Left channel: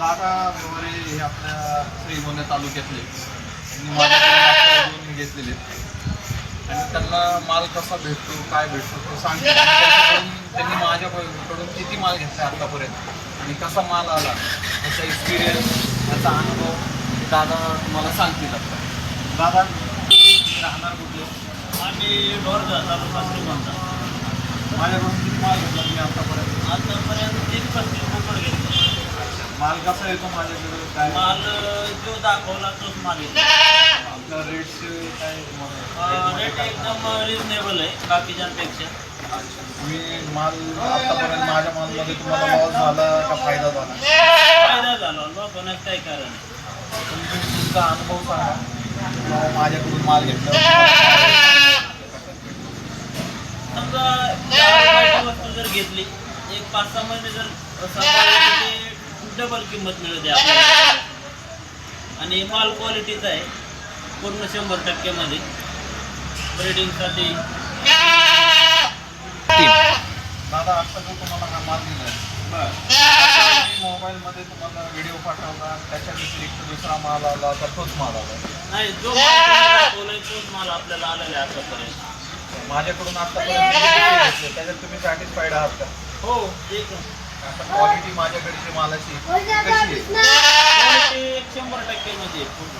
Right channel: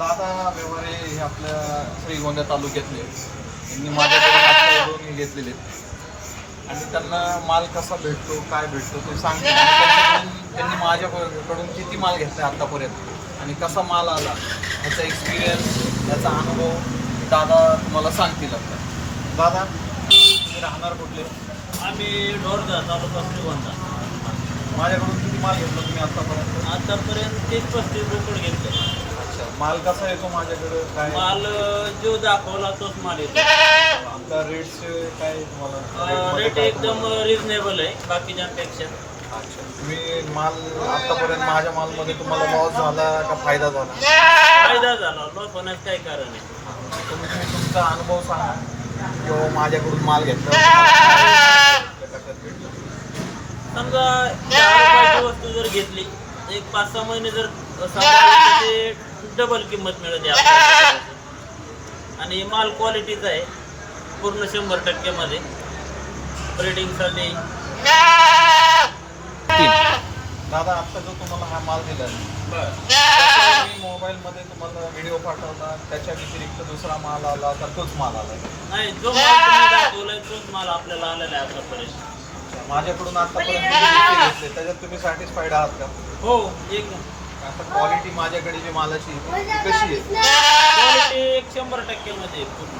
दादा व्यवहारे हे आपल्या श्रीगोंदा तालुक्यातले त्यांनी माझ्याकडे दोन घेतलेले आणि त्यांना माल कसा भेटतो काय भेटतो ते सांगते. त्यांनी माझ्याकडून किती माल घेतला आतापर्यंत आणि कसा माल आला याचा एक्सपिरियन्स याचा अनुभव दादा तुम्हाला सांगतील. आता दादा तुम्ही राहणार कुठले? आम्ही ढोरजा तालुका श्रीगोंदा. माझ्याकडून किती माल घेतला तुम्ही आतापर्यंत? 30-35 बोकड घेतले. अच्छा, माल कसा येतो माझ्याकडे? काय माल जो दाखवला तोच माल येतो. आपला रेट्स काय तुम्हाला? रेट एकदम रिजनेबल आहे बाकीच्यांपेक्षा. अच्छा, तुम्ही माल आतापर्यंत माझ्या मालमध्ये तुम्हाला लॉस झाला का फायदा झाला? फायदा झाला, लॉस होण्याचं काही कारण नाही. तुम्ही तुमचा अनुभव सांगा किंवा माझ्याकडून माल घेतला समजा 10 रुपयाची वस्तू जर घेतली, एक 5-6 महिने जर सांभाळली ते डबल किंमत मिळते आपल्याला. आणि माल क्वालिटीचा आहे पूर्ण 100% मध्ये. ब्रीडिंगसाठी दादा आत्ता जो तुम्हाला हा माल दिलाय मोबाईलमध्ये तुम्हाला व्हिडिओ पाठवला त्याच्या व्यतिरिक्त दुसरा माल आला तर तोच माल आला? नाही, जो माल तुम्ही दाखवलाय तोच माल आपल्याला आलेला आहे आतापर्यंत. माझ्याकडून आतापर्यंत त्याच्यात तुम्ही सॅटिस्फाईड आहात का? हो, एक क्वालिटी माझ्याकडे जी मालाची कशी आहे? क्वालिटी 100% मध्ये पूर्ण.